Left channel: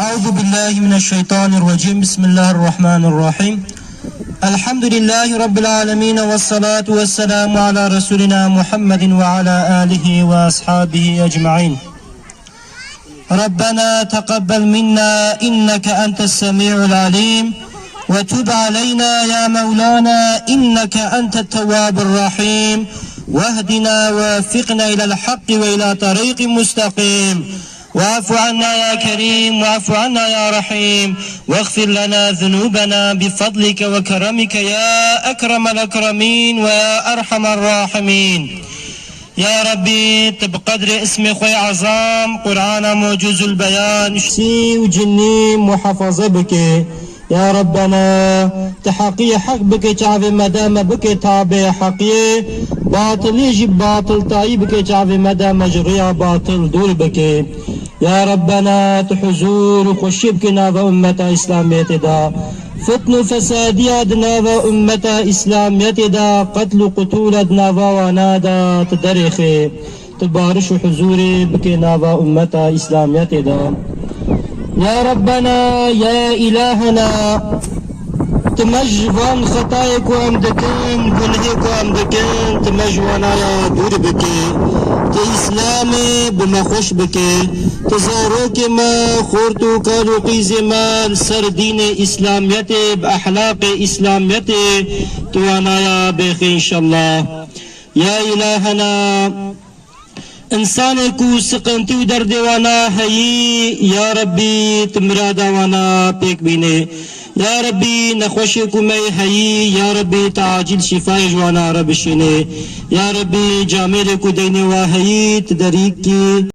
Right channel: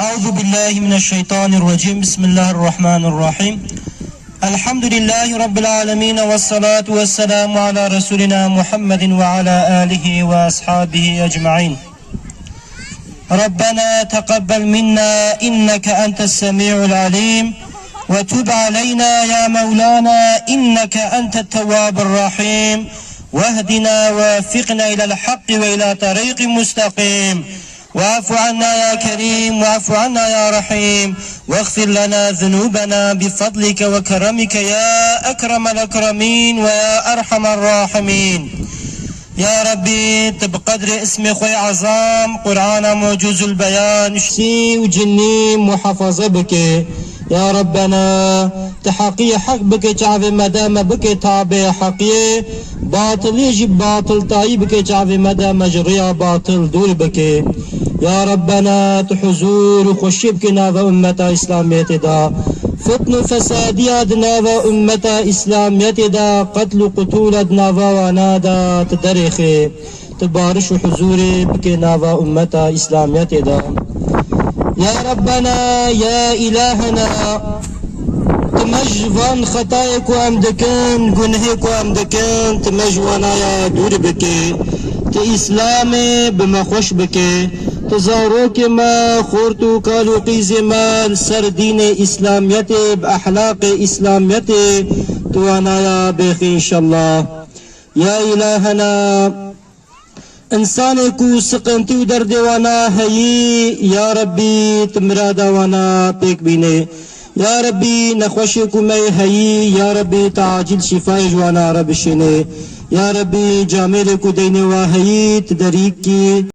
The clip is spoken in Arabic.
أعوذ بالله من الشيطان الرجيم. بسم الله الرحمن الرحيم. الحمد لله رب العالمين، والصلاة والسلام على رسولنا محمد وعلى آله وأصحابه أجمعين. ربنا تقبل منا إنك أنت السميع العليم، وتب علينا يا مولانا إنك أنت التواب الرحيم، واهدنا ووفقنا إلى الحق وإلى طريق مستقيم. واعف عنا يا كريم، واعف عنا يا رحيم، واغفر لنا ذنوبنا بفضلك وكرمك يا أكرم الأكرمين ويا أرحم الراحمين. يا ربي بقدر اسم خوي عظام قرآن موجوز البيان شسي وجني محافظة بك يا ربنا، تحقي حق بك تعب مدام بك تابع حقي، باطل يجب باطل طيب بك تعب مدام جريا باطل دور بك يا ربنا. تحزور خشبك ناظر أمة إسلامية دا، فتن فسادية ناظر أمة إسلامية دا، قتل قتول ناظر ونادا تدرخي تبارش حزوري بك ناظر أمة إسلامية دا. يا ربنا يا إلهنا، تمجوان خطاياك وعمدكن گناهك وعمدكن، تمجوانا يا دور بك إسلامي بما خوش بك، تزاروك ما خورتو كالو قيزي ما سر دين إسلاميتي بأحلاق إسلاميتي توانا يا بخي إن شاء الله. يا إلهنا انسانكو سقنتي ودرد وانا هي يا ربي تمرادا وانا بيك بيني يا ربي نخوشكو مي هي يا ربي تعاجل شفاي جوانا رب شيني يا ربي جاملكو ديني واهي تدريكي